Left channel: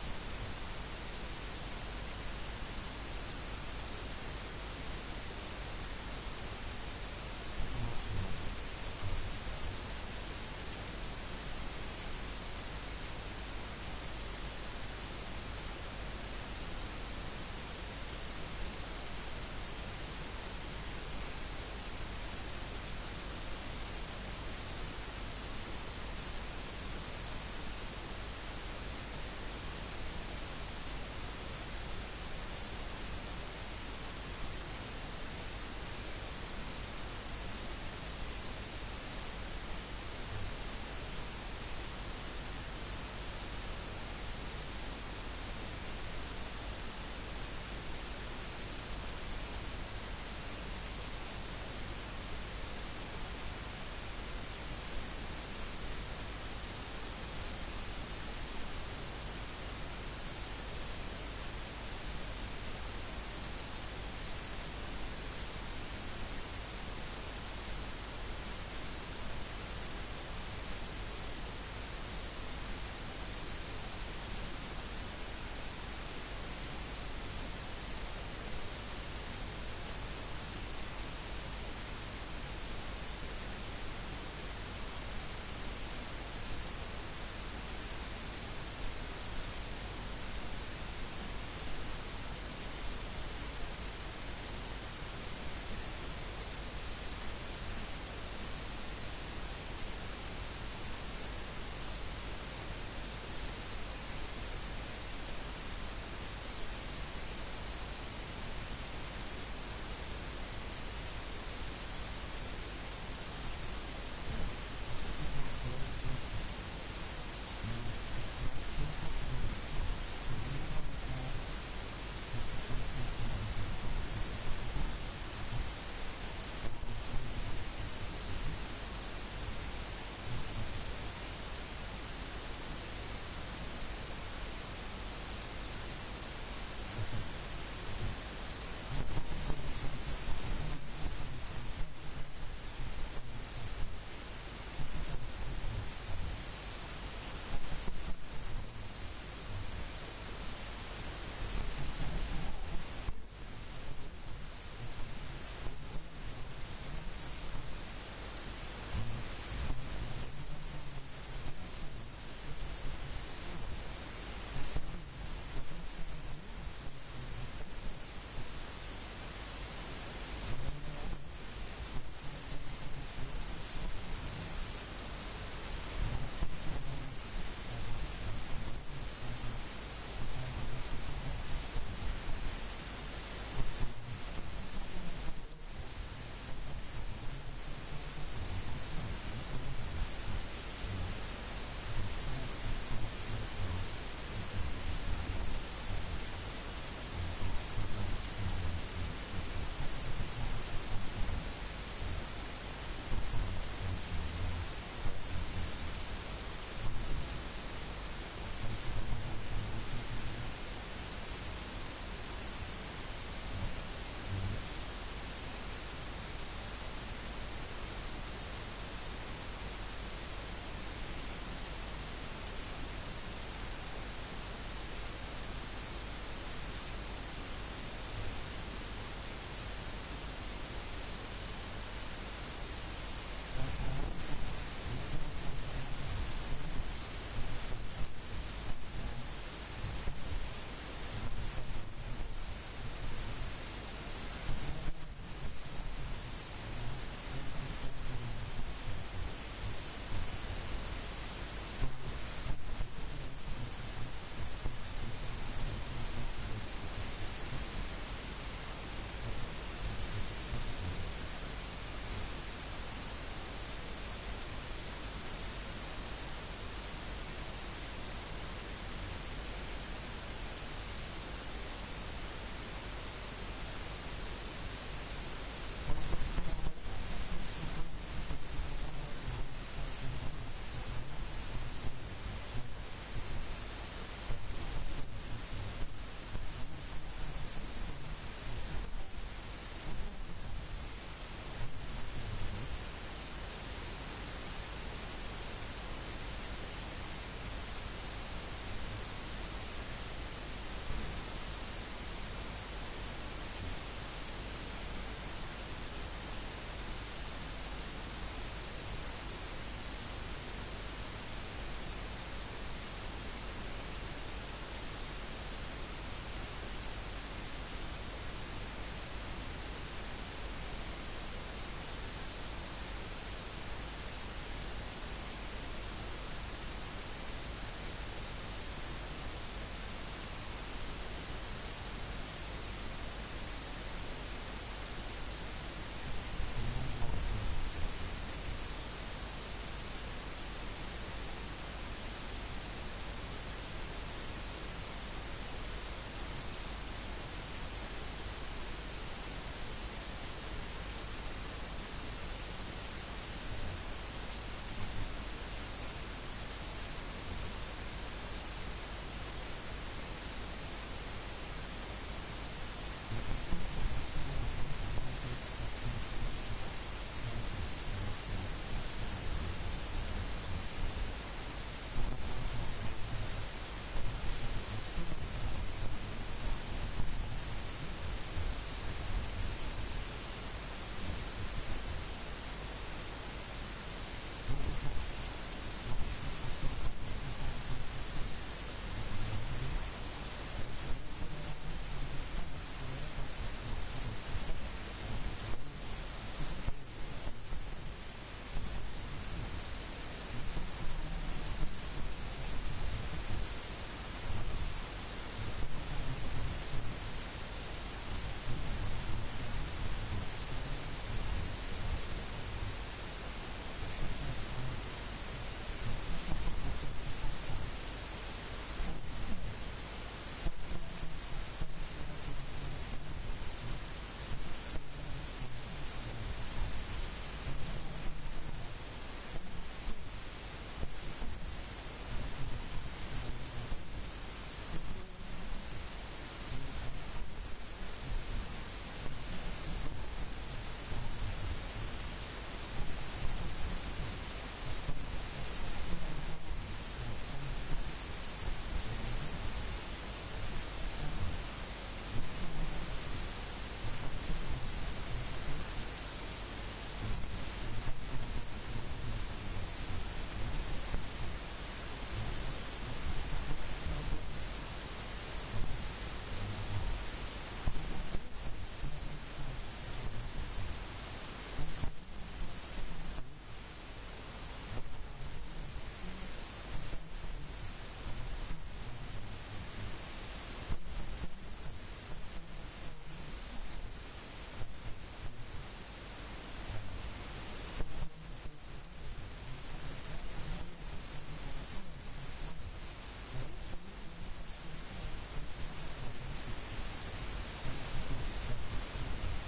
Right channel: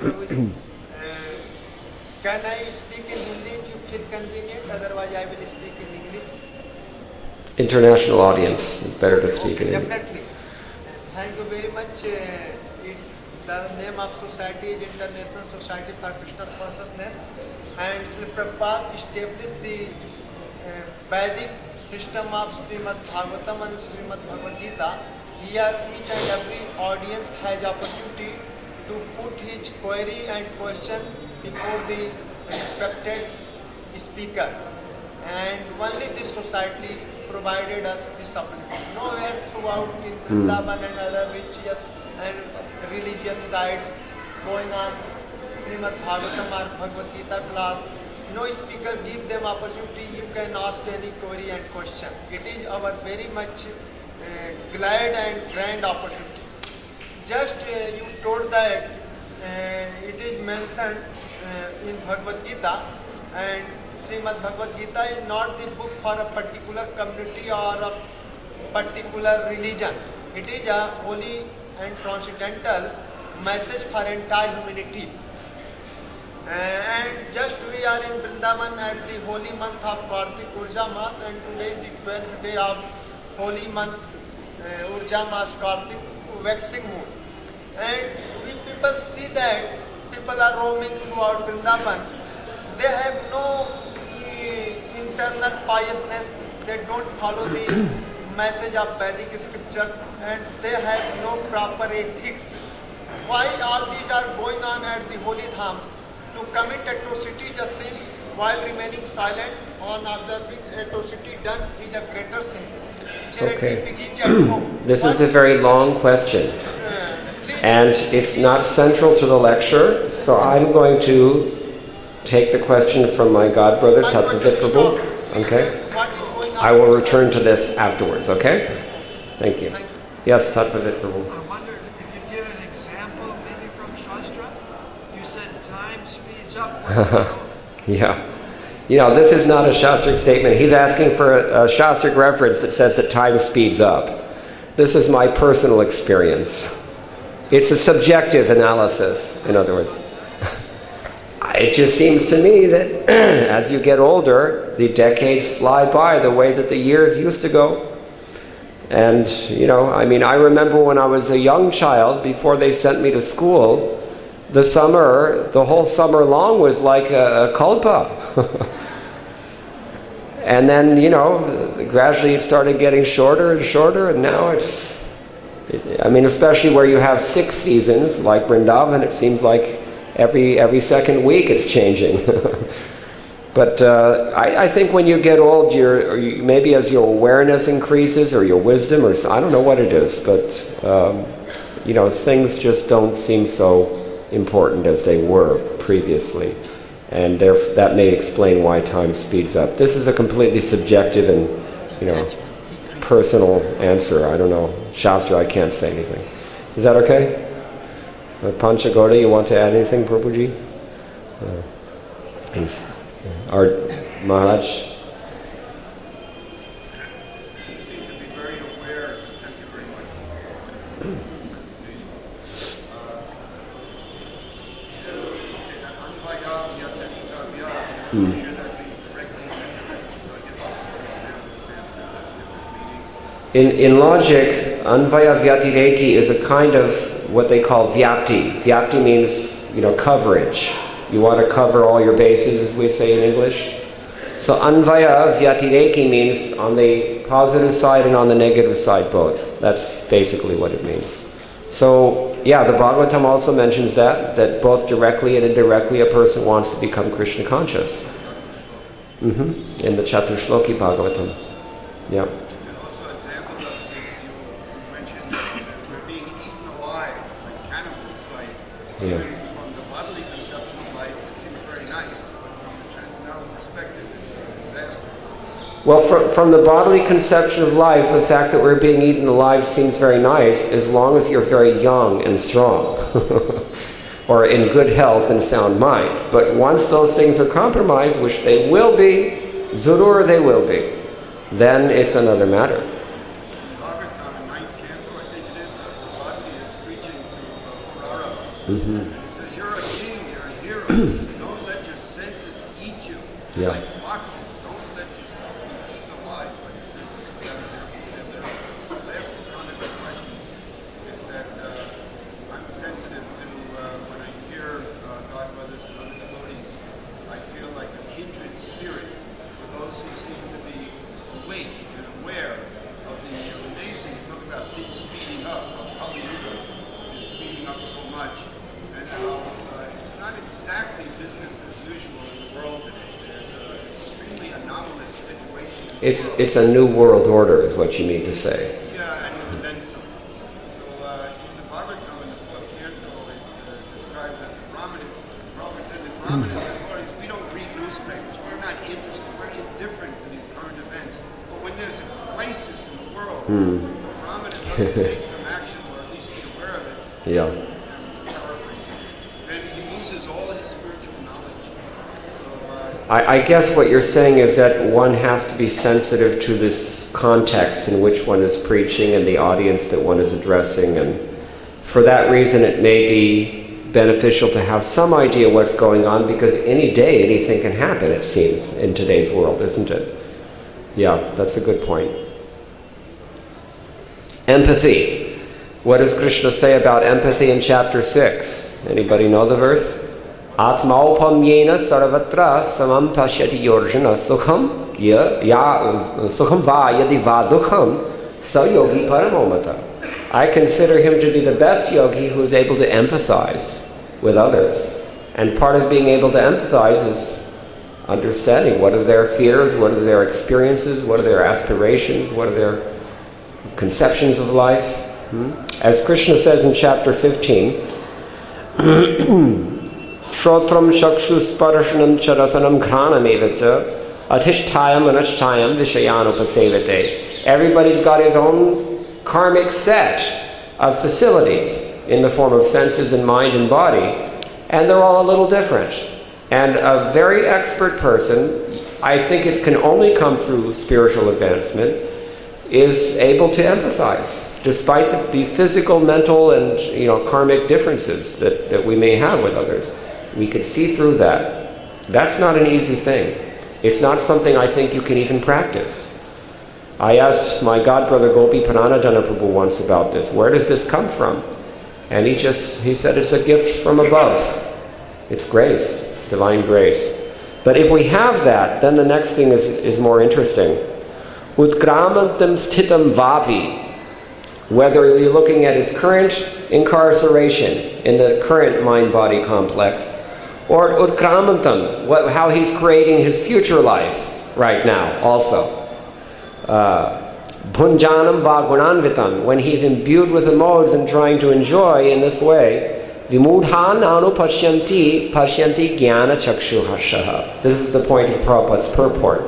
Prabhuji. Can I speak in Hindi if you feel convenient? Otherwise, I will speak in English. International audience, it's better to speak in English. Definitely. Thank you very much. The name of society is International Society for Krishna Consciousness, and Sri Prabhupada established the Vedic system of Srimad Bhagavatam and Srimad Bhagavad Gita. Here, each and every audience has opportunity to put his query and question before the respected speaker. And only this society provided us this opportunity. Nowhere throughout in Vrindavan and other religious and religious sites going on Srimad Bhagavatam or Bhagavad Gita class, no speaker give them opportunity. You can ask any query and question. It is our very much glad and grand opportunity. Just you told that it is mentioned in Bhagavad Gita, and Srimad Bhagavad Gita is not the book for a particular community or a particular religion. It is a holy and transcendental message for entire humanity. And just we are in Vrindavan at the holy month of Kartik Urja Mas, and today is the 12th day of holy month Urja Mas Kartik, waxing moon. And we people see that people are roaming throughout Vrindavan. They have no internal piousness. They don't follow the message of Vedic scriptures, and they have no proper ethics. Why all these are going on at the holy dham? To commit atrocity just sin while remaining silent on other atrocity done is a greater sin. Okay. This is a very long question, and it's not central to the lecture, so I'm going to take the question from my godbrother, Tattva Prabhu. Okay? I will return to this afterwards, okay? Thank you. Yes, Tattva Prabhu. I wondered if you could give an example, maybe from Shastra. You said time speeds up. Yeah. You know, this is not a Shastric statement. He's asking for a Shastric reference that says that time speeds up. This is my personal experience. It's a subjective analysis, in other words. It just seems to me that as you get older, the decades fly by the way that the years used to go. And, you know, I mean, I remember when I was a young child, before they sent me to school, the whole summer long was like a kalpa. And then, you know, gradually it started getting shorter and shorter, and now I mean, especially where you have 6 seasons, like Vrindavan, it seems like every second week it's changing. But I think when you get old, maybe as your awareness increases or your wisdom, or I don't know what it is, but you know, things just don't seem so important as they were previously, and that may explain why time speeds up. This is a completely subjective and, you know, personal answer. I don't know. Shastra, I can't say anything. Is that okay? Panchagoda, you want to add anything, Prabhuji? Please. Our Maharaj. In logic, Anvaya Vyatireki is a kind of what they call Vyapti. Vyapti means, you know, coverage. You want to cover all your bases, as we say in English. So Anvaya Vyatireki means on the positive side and on the negative side both. That's basically what it means. So, yeah, the Bhagavatam also mentions that both directly and indirectly a person wants to become Krishna conscious. In the Chatushloki Bhagavatam. Yeah. Yeah. Well, from the bodily conception of life, the fact that we're being eaten alive seems very nice as long as you're very young and strong or in good health and sound mind. But once those things are compromised, which they will be, Zurur they will be, then it's another matter. Don't let your senses eat you. Yeah. Like boxing. Don't let yourself be eaten alive by your senses. And the last comment or question is that I'm sensitive to when I hear godmothers and other devotees, I feel like a kindred spirit for those who seem to be awake and aware of the amazing, talk about things speeding up, of Kali Yuga is speeding up so much, and how it's not exactly business as usual in the world today. There's an extremely anomalous situation in the world. It's a new world order, is what you mean to say. Yeah, and then some. So in the Bhagavatam, in the fourth canto, it describes that the Brahmanas, Prabhu said the Brahmanas and Gauris, we don't read newspapers. We're not interested. We're indifferent to these current events. But when there's a crisis in the world, the Brahmana doesn't take some action, or at least be aware of it, Yeah. then he loses all his spiritual knowledge. So I guess what you're saying is that one has to be sensitive to this context in which one is preaching and the audience that one is addressing, and for that reason it may be beneficial to have some idea what's going on, because any day anything can happen, it seems, in today's world, isn't it? Yeah, that's a good point. Empathy. What does Krishna say about empathy in chapter 6? Anybody know the verse? Atmaupamyena sarvatra samam pashyati yorjana sukham sukham va yadi va dukham sa yogi paramomata. I consider him to be the best yogi who is able to empathize with others. And part of being able to empathize is understanding what are their fears, what are their experiences, what are their aspirations, what are their conceptions of life. As Krishna says in chapter 15, Shrotram shakshu sparshanam charasanam ghranam evacha adhishtayam anashtayam vishayanupasevate. Everybody's got his own karmic set of facilities in the form of senses and mind and body, and they're all a little different. And a very expert person, I think it can only come through spiritual advancement, is able to empathize, despite the physical, mental, and karmic differences that we may have with others. We could see through that. That's not an easy thing. It's not something I think you can even practice. I asked my godbrother Gopi Pananadana Prabhu once about this. Where does this come from? And he said it's a gift from above. It's grace, divine grace. But if we have that, then the next thing is more interesting. Utkramantam sthitam vapi. Whether you're looking at his current incarceration in the current mind-body complex, or utkramantam, how he's creating his future life right now also. Bhunjanam va gunanvitam, when he's imbued with the modes and trying to enjoy in this way. Vimudhan anu pashyanti jnana chakshuhashaha. This is the point of Prabhupada's purport.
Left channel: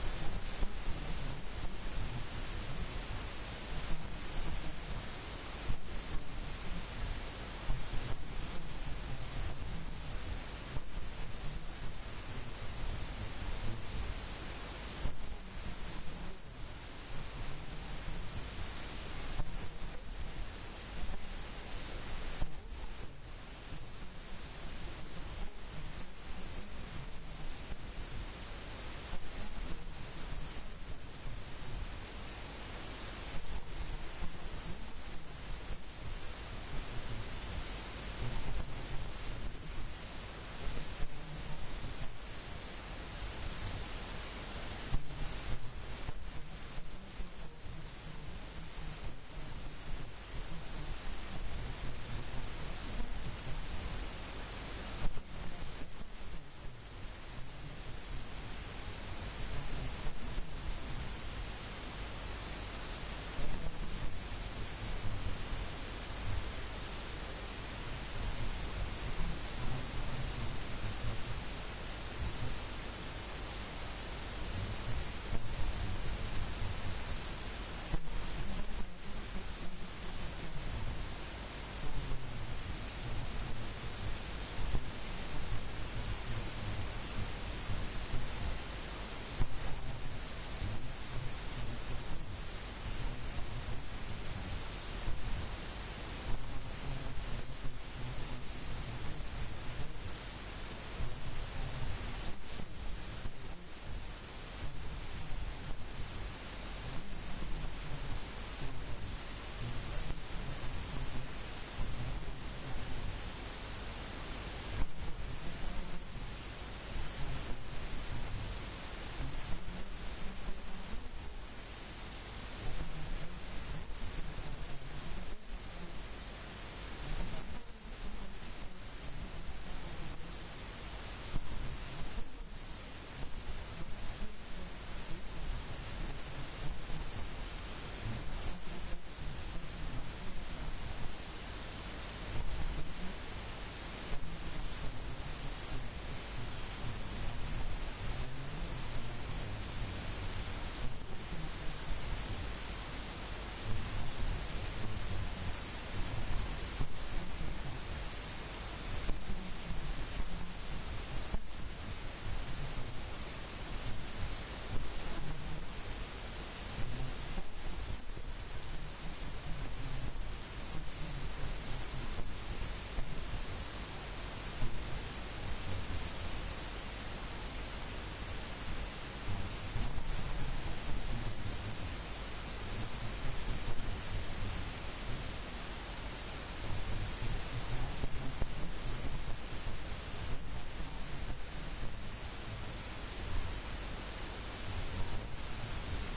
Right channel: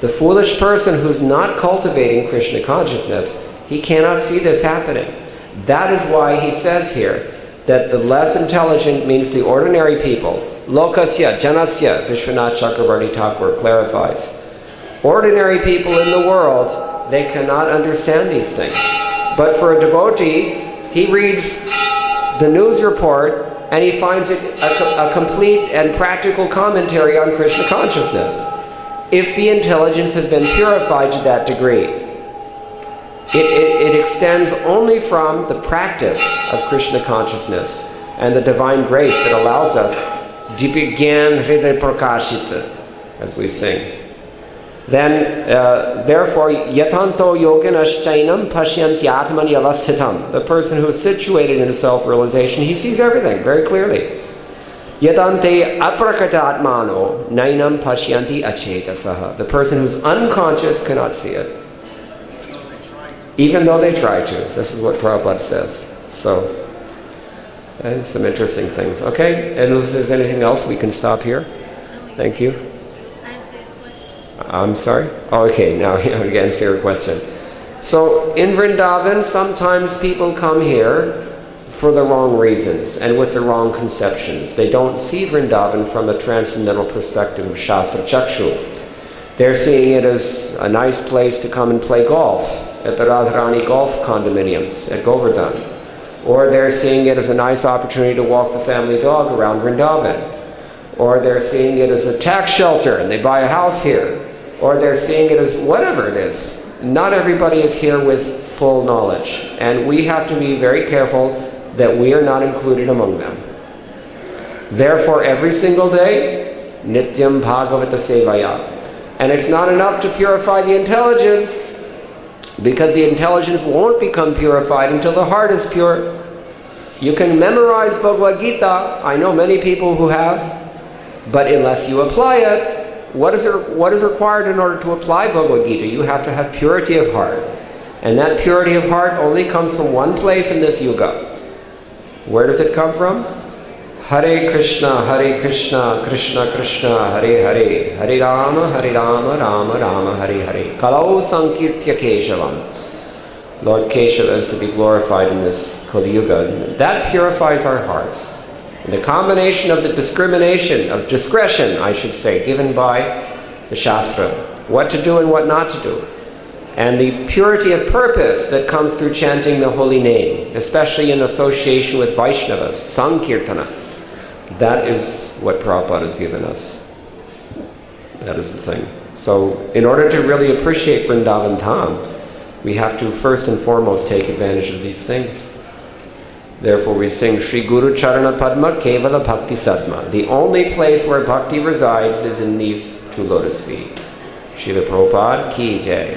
The foolish person who's not cultivating Krishna consciousness, he cannot see this happening. That is why he says here that the less intelligent means the ordinary people. Lokasya, janasya, Vishwanath Chakravarti Thakur clarifies. Ordinary people in the world, they cannot understand these things. But for a devotee, he reads the news report and he finds it a complete and practical commentary on Krishna consciousness. If the intelligence has been purified to that degree, it extends only from the practice of Krishna consciousness and the divine grace that allows us dipigyan hriday prakashita, as we sing. Then, therefore, yatanto yoginaschainam pashyanti atmani avasthitam. The person who is situated in self-realization, he sees everything very clearly. Yatante aprakata atmano nainam pashyanti achetasaha. The person who's unconscious cannot see it, even though they try to. This is what Prabhupada says. So, some interesting things. Okay, and if there's anything else, we can stop here. Thank you. I'm sorry? Oh, okay, now you answer your question. So, in Vrindavan, sometimes people come here for the wrong reasons and with the wrong conceptions. They don't see Vrindavan from a transcendental perspective of Shastra Chakshu. They're seeing it as a nice place to come and play golf at the Radharani golf condominiums at Govardhan. Or they're seeing it as a nice opportunity to walk the family dog around Vrindavan. or they're seeing it as a tax shelter and they buy a house here, or they're seeing it as whatever it is. Not everybody is here with full knowledge, and we have to be very careful that we are not included among them. Therefore, every single day, Nityam Bhagavata Sevaya. And it's not enough to purify the intelligence, because the intelligence won't become purified until the heart is pure. You can memorize Bhagavad Gita, I know many people who have, but unless you apply it, what is required in order to apply Bhagavad Gita? You have to have purity of heart. And that purity of heart only comes from one place in this yuga. Where does it come from? Hare Krishna, Krishna Krishna, Hare Hare, Hare Rama, Rama Rama, Hare Hare. Kalau Sankirtya Keshavam. Lord Keshava is to be glorified in this Kali Yuga. That purifies our hearts. The combination of the discretion, I should say, given by the Shastra, what to do and what not to do, and the purity of purpose that comes through chanting the holy name, especially in association with Vaishnavas, Sankirtana. That is what Prabhupada has given us. That is the thing. So, in order to really appreciate Vrindavan Dham, we have to first and foremost take advantage of these things. Therefore we sing Shri Guru Charana Padma Kevala Bhakti Sadma. The only place where bhakti resides is in these two lotus feet. Srila Prabhupada Ki Jai.